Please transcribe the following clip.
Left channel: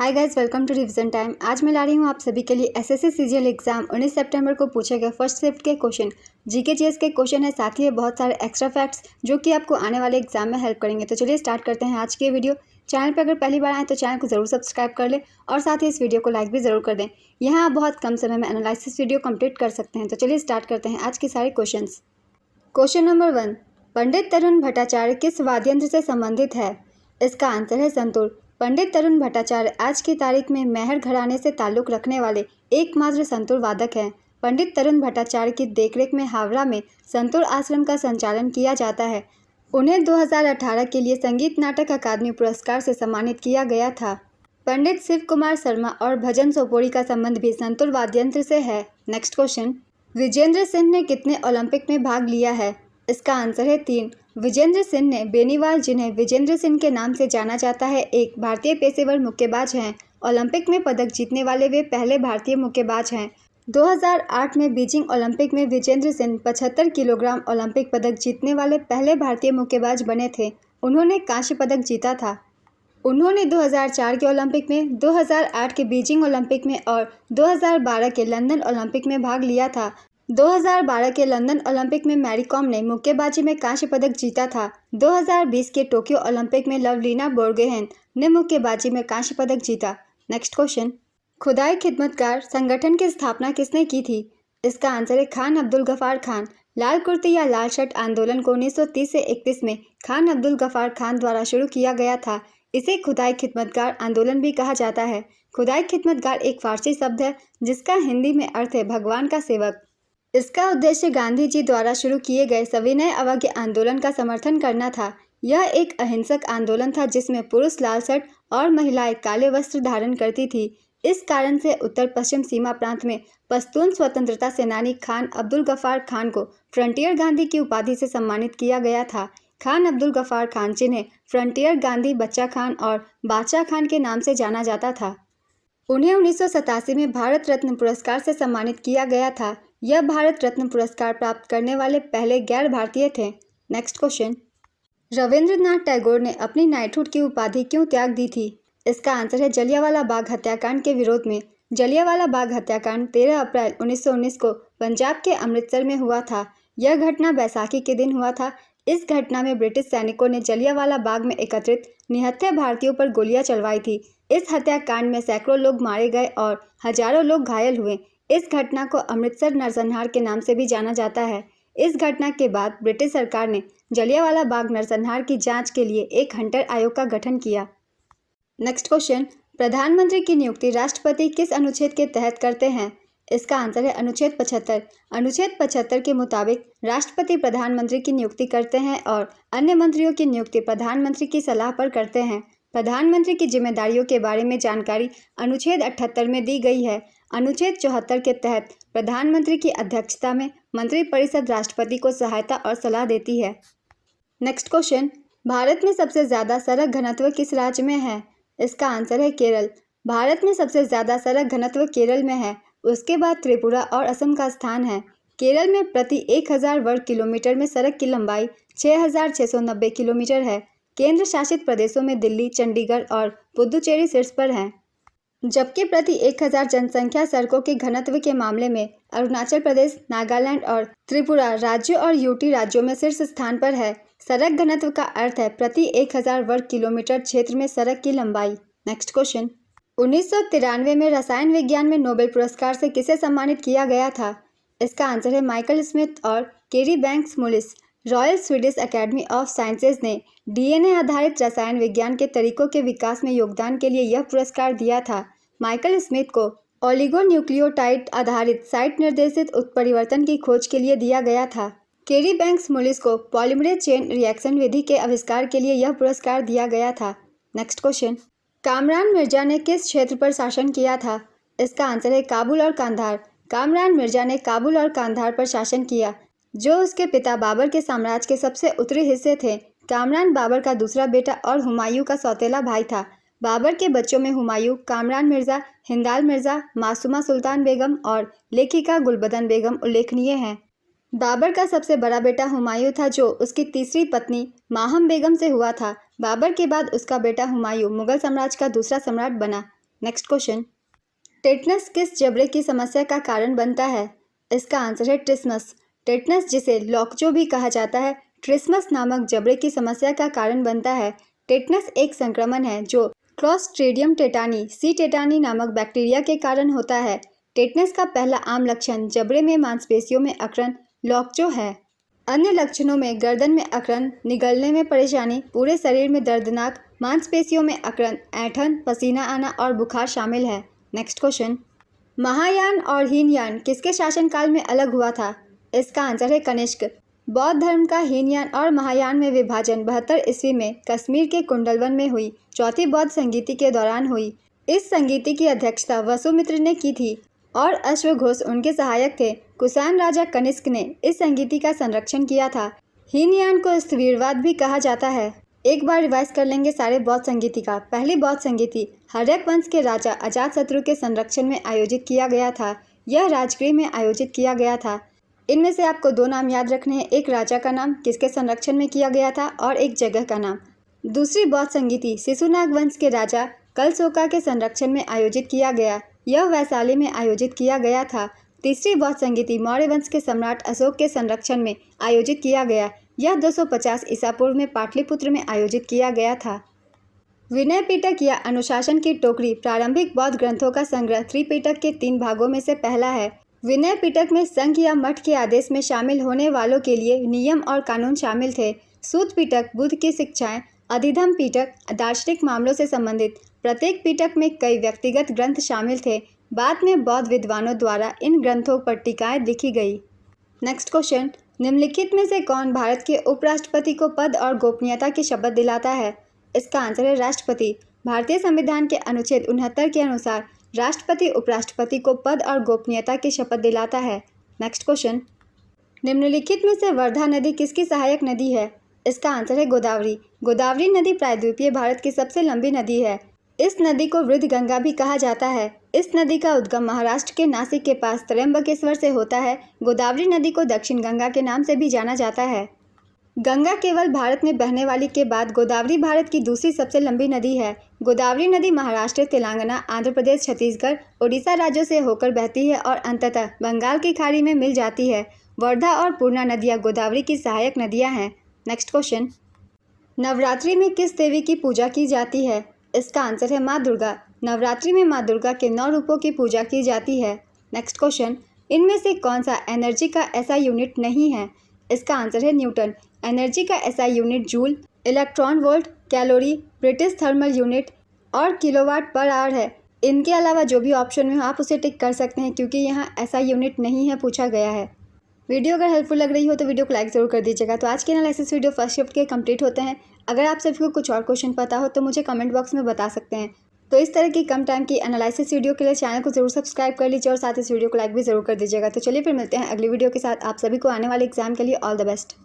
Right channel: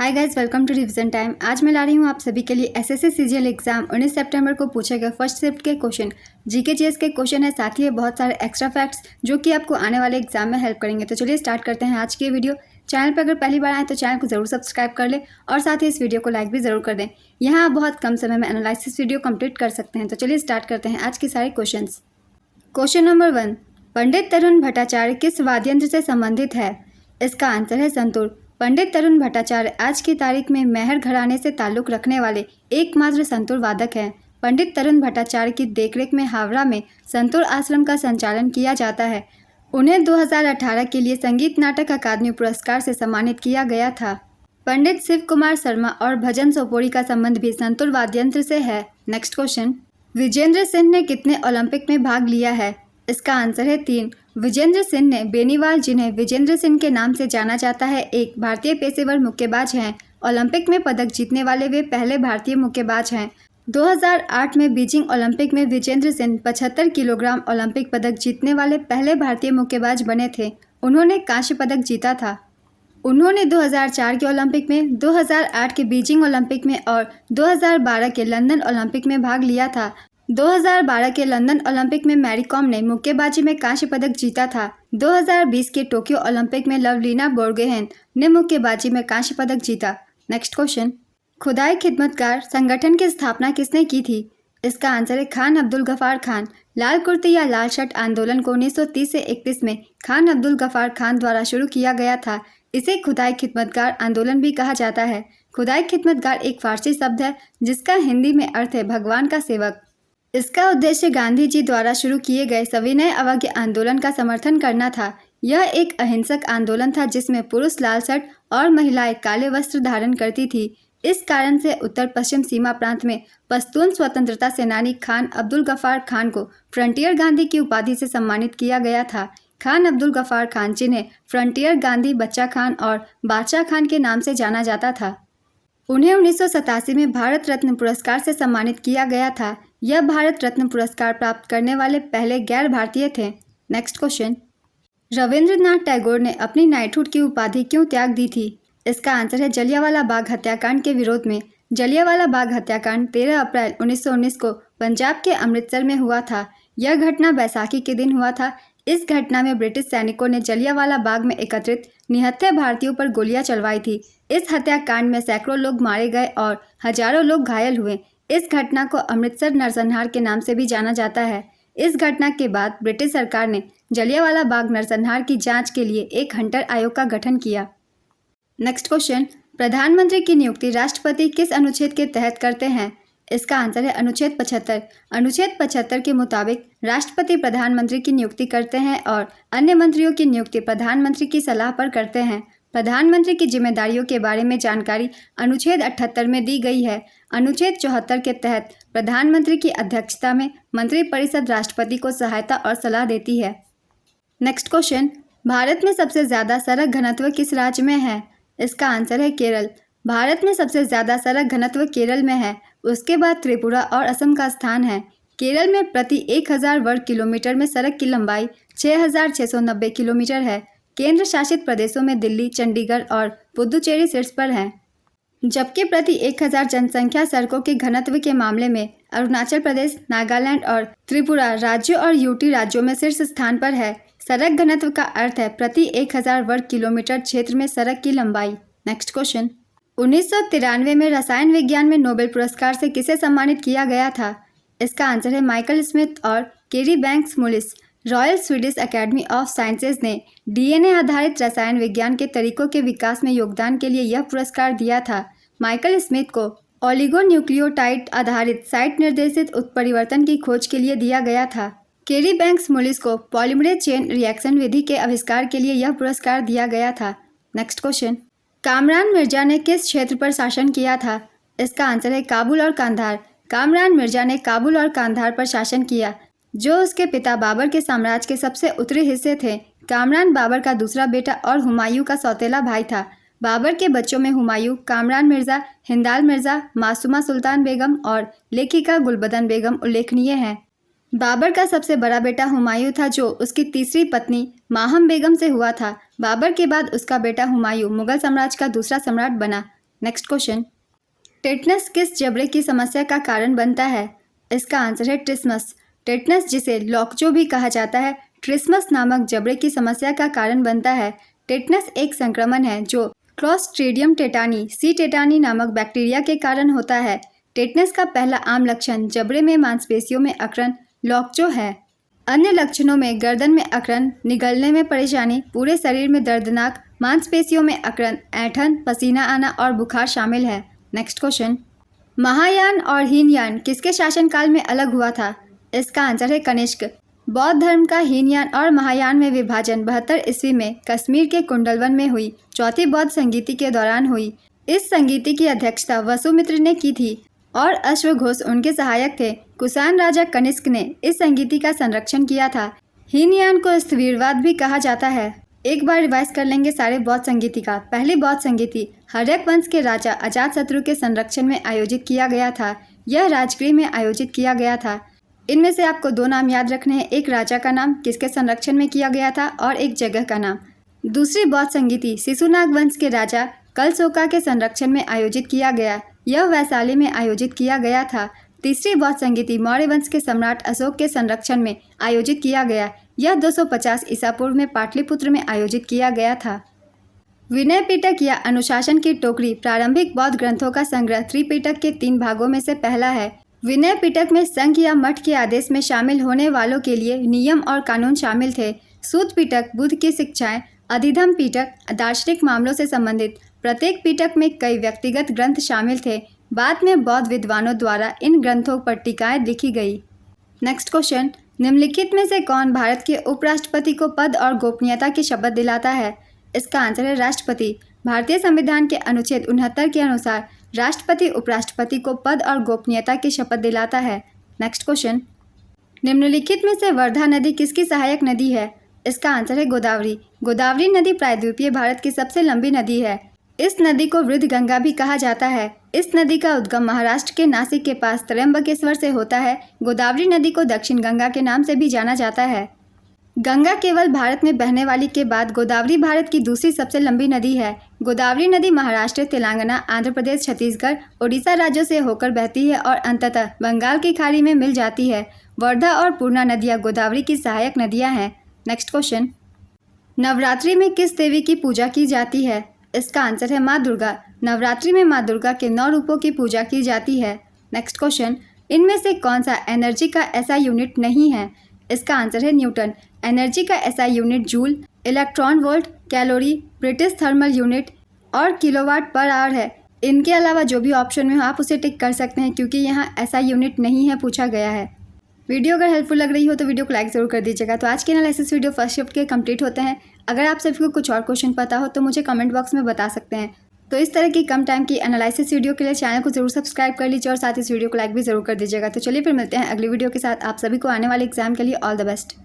Hi guys, welcome to revision time. आज मैं ला रही हूँ आप सभी के लिए एसएससी सीजीएल एग्जाम 19 सितंबर को पूछे गए फर्स्ट शिफ्ट के क्वेश्चन, जीके जीएस के क्वेश्चन है, साथ ही ये बहुत सारे एक्स्ट्रा फैक्ट्स जो कि आपको आने वाले एग्जाम में हेल्प करेंगे। तो चलिए स्टार्ट करते हैं आज की ये वीडियो। चैनल पर अगर पहली बार आए तो चैनल को जरूर सब्सक्राइब कर ले और साथ ही इस वीडियो को लाइक भी जरूर कर दें। यहाँ आप बहुत कम समय में एनालिसिस वीडियो कंप्लीट कर सकते हैं। तो चलिए स्टार्ट करते हैं आज के सारे क्वेश्चन। क्वेश्चन नंबर 1, पंडित तरुण भट्टाचार्य किस वाद्ययंत्र से संबंधित है? इसका आंसर है संतूर। पंडित तरुण भट्टाचार्य आज की तारीख में मेहर घराने से ताल्लुक रखने वाले एकमात्र संतूर वादक हैं। पंडित तरुण भट्टाचार्य की देखरेख में हावड़ा में संतूर आश्रम का संचालन किया जाता है। उन्हें 2018 के लिए संगीत नाटक अकादमी पुरस्कार से सम्मानित किया गया था। पंडित शिव कुमार शर्मा और भजन सोपोरी का संबंध भी संतूर वाद्ययंत्र से है। नेक्स्ट क्वेश्चन, विजेंद्र सिंह ने कितने ओलंपिक में भाग लिया है? इसका आंसर है 3। विजेंद्र सिंह ने बेनीवाल, जिन्हें विजेंद्र सिंह के नाम से जाना जाता है, एक भारतीय पेशेवर मुक्केबाज हैं। ओलंपिक में पदक जीतने वाले वे पहले भारतीय मुक्केबाज हैं। 2008 में बीजिंग ओलंपिक में विजेंद्र सिंह 75 किलोग्राम ओलंपिक पदक जीतने वाले पहले भारतीय मुक्केबाज बने थे। उन्होंने कांस्य पदक जीता था। उन्होंने 2004 के ओलंपिक में, 2008 के बीजिंग ओलंपिक में और 2012 के लंदन ओलंपिक में भाग लिया था। 2012 के लंदन ओलंपिक में मैरी कॉम ने मुक्केबाजी में कांस्य पदक जीता था। 2020 के टोक्यो ओलंपिक में लवलीना बोर्गोहेन ने मुक्केबाजी में कांस्य पदक जीता। नेक्स्ट क्वेश्चन, खुदाई खिदमतगार संगठन की स्थापना किसने की थी? इसका आंसर है खान अब्दुल गफार खान। लाल कुर्ती या लाल शर्ट आंदोलन को 1930 से 31 में खान अब्दुल गफार खान द्वारा शुरू किया गया था। इसे खुदाई खिदमतगार आंदोलन भी कहा जाता है। खुदाई खिदमतगार एक फारसी शब्द है जिसका हिंदी में अर्थ है भगवान का सेवक। इसका उद्देश्य गांधी जी द्वारा शुरू किए गए सविनय अवज्ञा आंदोलन का समर्थन करना था। यह एक अहिंसक आंदोलन था जिसमें पुरुष लाल शर्ट और महिलाएं काले वस्त्र धारण करती थी। इस कारण से उत्तर पश्चिम सीमा प्रांत में पश्तून स्वतंत्रता सेनानी खान अब्दुल गफार खान को फ्रंटियर गांधी की उपाधि से सम्मानित किया गया था। खान अब्दुल गफार खान, जिन्हें फ्रंटियर गांधी, बच्चा खान और बादशाह खान के नाम से जाना जाता था, उन्हें 1987 में भारत रत्न पुरस्कार से सम्मानित किया गया था। यह भारत रत्न पुरस्कार प्राप्त करने वाले पहले गैर भारतीय थे। नेक्स्ट क्वेश्चन, रविंद्रनाथ टैगोर ने अपनी नाइटहुड की उपाधि क्यों त्याग दी थी? इसका आंसर है जलियांवाला बाग हत्याकांड के विरोध में। जलियांवाला बाग हत्याकांड 13 अप्रैल 1919 को पंजाब के अमृतसर में हुआ था। यह घटना बैसाखी के दिन हुआ था। इस घटना में ब्रिटिश सैनिकों ने जलियांवाला बाग में एकत्रित निहत्थे भारतीयों पर गोलियां चलवाई थी। इस हत्याकांड में सैकड़ों लोग मारे गए और हजारों लोग घायल हुए। इस घटना को अमृतसर नरसंहार के नाम से भी जाना जाता है। इस घटना के बाद ब्रिटिश सरकार ने जलियांवाला बाग नरसंहार की जांच के लिए एक हंटर आयोग का गठन किया। नेक्स्ट क्वेश्चन, प्रधानमंत्री की नियुक्ति राष्ट्रपति किस अनुच्छेद के तहत करते हैं? इसका आंसर है अनुच्छेद 75। अनुच्छेद 75 के मुताबिक राष्ट्रपति प्रधानमंत्री की नियुक्ति करते हैं और अन्य मंत्रियों की नियुक्ति प्रधानमंत्री की सलाह पर करते हैं। प्रधानमंत्री की जिम्मेदारियों के बारे में जानकारी अनुच्छेद 78 में दी गई है। अनुच्छेद 74 के तहत प्रधानमंत्री की अध्यक्षता में मंत्रिपरिषद राष्ट्रपति को सहायता और सलाह देती है। नेक्स्ट क्वेश्चन, भारत में सबसे ज़्यादा सड़क घनत्व किस राज्य में है? इसका आंसर है केरल। भारत में सबसे ज़्यादा सड़क घनत्व केरल में है। उसके बाद त्रिपुरा और असम का स्थान है। केरल में प्रति 1000 वर्ग किलोमीटर में सड़क की लंबाई 6690 किलोमीटर है। केंद्र शासित प्रदेशों में दिल्ली, चंडीगढ़ और पुदुचेरी शीर्ष पर हैं, जबकि प्रति 1000 जनसंख्या सड़कों के घनत्व के मामले में अरुणाचल प्रदेश, नागालैंड और त्रिपुरा राज्यों और यूटी राज्यों में शीर्ष स्थान पर है। सड़क घनत्व का अर्थ है प्रति 1000 वर्ग किलोमीटर क्षेत्र में सड़क की लंबाई। नेक्स्ट क्वेश्चन, 1993 में रसायन विज्ञान में नोबेल पुरस्कार से किसे सम्मानित किया गया था? इसका आंसर है माइकल स्मिथ और Kary Banks Mullis. Royal Swedish Academy of Sciences ने डीएनए आधारित रसायन विज्ञान के तरीकों के विकास में योगदान के लिए यह पुरस्कार दिया था। माइकल स्मिथ को ओलिगोन्यूक्लियोटाइड आधारित साइट निर्देशित उत्परिवर्तन की खोज के लिए दिया गया था। केरी बैंक्स मुलिस को पॉलीमरेज चेन रिएक्शन विधि के आविष्कार के लिए यह पुरस्कार दिया गया था। नेक्स्ट क्वेश्चन, कामरान मिर्जा ने किस क्षेत्र पर शासन किया था? इसका आंसर है काबुल और कांधार। कामरान मिर्जा ने काबुल और कांधार पर शासन किया, जो उसके पिता बाबर के साम्राज्य के सबसे उत्तरी हिस्से थे। कामरान बाबर का दूसरा बेटा और हुमायूं का सौतेला भाई था। बाबर के बच्चों में हुमायूं, कामरान मिर्जा, हिंदाल मिर्जा, मासूमा सुल्तान बेगम और लेखिका गुलबदन बेगम उल्लेखनीय हैं। बाबर का सबसे बड़ा बेटा हुमायूं था, जो उसकी तीसरी पत्नी माहम बेगम से हुआ था। बाबर के बाद उसका बेटा हुमायूं मुगल साम्राज्य का दूसरा सम्राट बना। नेक्स्ट क्वेश्चन, टेटनस किस जबड़े की समस्या का कारण बनता है? इसका आंसर है ट्रिस्मस। टेटनस, जिसे लॉकजो भी कहा जाता है, ट्रिस्मस नामक जबड़े की समस्या का कारण बनता है। टेटनस एक संक्रमण है जो क्लोस्ट्रीडियम टेटानी सी टेटानी नामक बैक्टीरिया के कारण होता है। टेटनस का पहला आम लक्षण जबड़े में मांसपेशियों में अकड़न लॉकजो है। अन्य लक्षणों में गर्दन में अकड़न, निगलने में परेशानी, पूरे शरीर में दर्दनाक, मांसपेशियों में अकड़न, ऐंठन, पसीना आना और बुखार शामिल है। नेक्स्ट क्वेश्चन, महायान और हीनयान किसके शासनकाल में अलग हुआ था? इसका आंसर है कनिष्क। बौद्ध धर्म का हीनयान और महायान में विभाजन 72 ईस्वी में कश्मीर के कुंडलवन में हुई चौथी बौद्ध संगीति के दौरान हुई। इस संगीति की अध्यक्षता वसुमित्र ने की थी और अश्वघोष उनके सहायक थे। कुषाण राजा कनिष्क ने इस संगीति का संरक्षण किया था। हीनयान को स्थविरवाद भी कहा जाता है। एक बार रिवाइज कर लेंगे सारे बौद्ध संगीति का। पहली बौद्ध संगीति हर्यक वंश के राजा अजातशत्रु के संरक्षण में आयोजित किया गया था। यह राजगृह में आयोजित किया गया था। इनमें से आपको 2 नाम याद रखने हैं, एक राजा का नाम किसके संरक्षण में किया गया था और एक जगह का नाम। दूसरी बौद्ध संगीति शिशुनाग वंश के राजा कलशोका के संरक्षण में आयोजित किया गया। यह वैशाली में आयोजित किया गया था। तीसरी बौद्ध संगीति मौर्य वंश के सम्राट अशोक के संरक्षण में आयोजित किया गया। यह 250 ईसा पूर्व में पाटलिपुत्र में आयोजित किया गया था। विनय पिटक या अनुशासन की टोकरी प्रारंभिक बौद्ध ग्रंथों का संग्रह त्रिपिटक के 3 भागों में से पहला है। विनय पिटक में संघ या मठ के आदेश में शामिल होने वालों के लिए नियम और कानून शामिल थे। सूत पिटक बुद्ध की शिक्षाएं, अधिधम पिटक दार्शनिक मामलों से संबंधित। प्रत्येक पिटक में कई व्यक्तिगत ग्रंथ शामिल थे। बाद में बौद्ध विद्वानों द्वारा इन ग्रंथों पर टीकाएं लिखी गई। नेक्स्ट क्वेश्चन, निम्नलिखित में से कौन भारत के उपराष्ट्रपति को पद और गोपनीयता की शपथ दिलाता है? इसका आंसर है राष्ट्रपति। भारतीय संविधान के अनुच्छेद 69 के अनुसार राष्ट्रपति उपराष्ट्रपति को पद और गोपनीयता की शपथ दिलाता है। नेक्स्ट क्वेश्चन, निम्नलिखित में से वर्धा नदी किसकी सहायक नदी है? इसका आंसर है गोदावरी। गोदावरी नदी प्रायद्वीपीय भारत की सबसे लंबी नदी है। इस नदी को वृद्ध गंगा भी कहा जाता है। इस नदी का उद्गम महाराष्ट्र के नासिक के पास त्र्यंबकेश्वर से होता है। गोदावरी नदी को दक्षिण गंगा के नाम से भी जाना जाता है। गंगा केवल भारत में बहने वाली के बाद गोदावरी भारत की दूसरी सबसे लंबी नदी है। गोदावरी नदी महाराष्ट्र, तेलंगाना, आंध्र प्रदेश, छत्तीसगढ़, ओडिशा राज्यों से होकर बहती है और अंततः बंगाल की खाड़ी में मिल जाती है। वर्धा और पूर्णा नदियाँ गोदावरी की सहायक नदियाँ हैं। नेक्स्ट क्वेश्चन, नवरात्रि में किस देवी की पूजा की जाती है? इसका आंसर है माँ दुर्गा। नवरात्रि में माँ दुर्गा के 9 रूपों की पूजा की जाती है। नेक्स्ट क्वेश्चन, इनमें से कौन सा एनर्जी का ऐसा यूनिट नहीं है? इसका आंसर है न्यूटन। एनर्जी का ऐसा unit joule, electron volt, calorie, British thermal unit और किलोवाट पर आवर है। इनके अलावा जो भी ऑप्शन में हो आप उसे टिक कर सकते हैं क्योंकि यहाँ ऐसा यूनिट नहीं है पूछा गया है। वीडियो अगर हेल्पफुल लग रही हो तो वीडियो को लाइक ज़रूर कर दीजिएगा। तो आज के एनालिसिस वीडियो फर्स्ट शिफ्ट के कंप्लीट होते हैं। अगर आप सभी को कुछ और क्वेश्चन पता हो तो मुझे कमेंट बॉक्स में बता सकते हैं। तो इस तरह की कम टाइम की एनालिसिस वीडियो के लिए चैनल को जरूर सब्सक्राइब कर लीजिए और साथ ही इस वीडियो को लाइक भी जरूर कर दीजिएगा। तो चलिए फिर मिलते हैं अगली वीडियो के साथ। आप सभी को आने वाले एग्जाम के लिए ऑल द बेस्ट।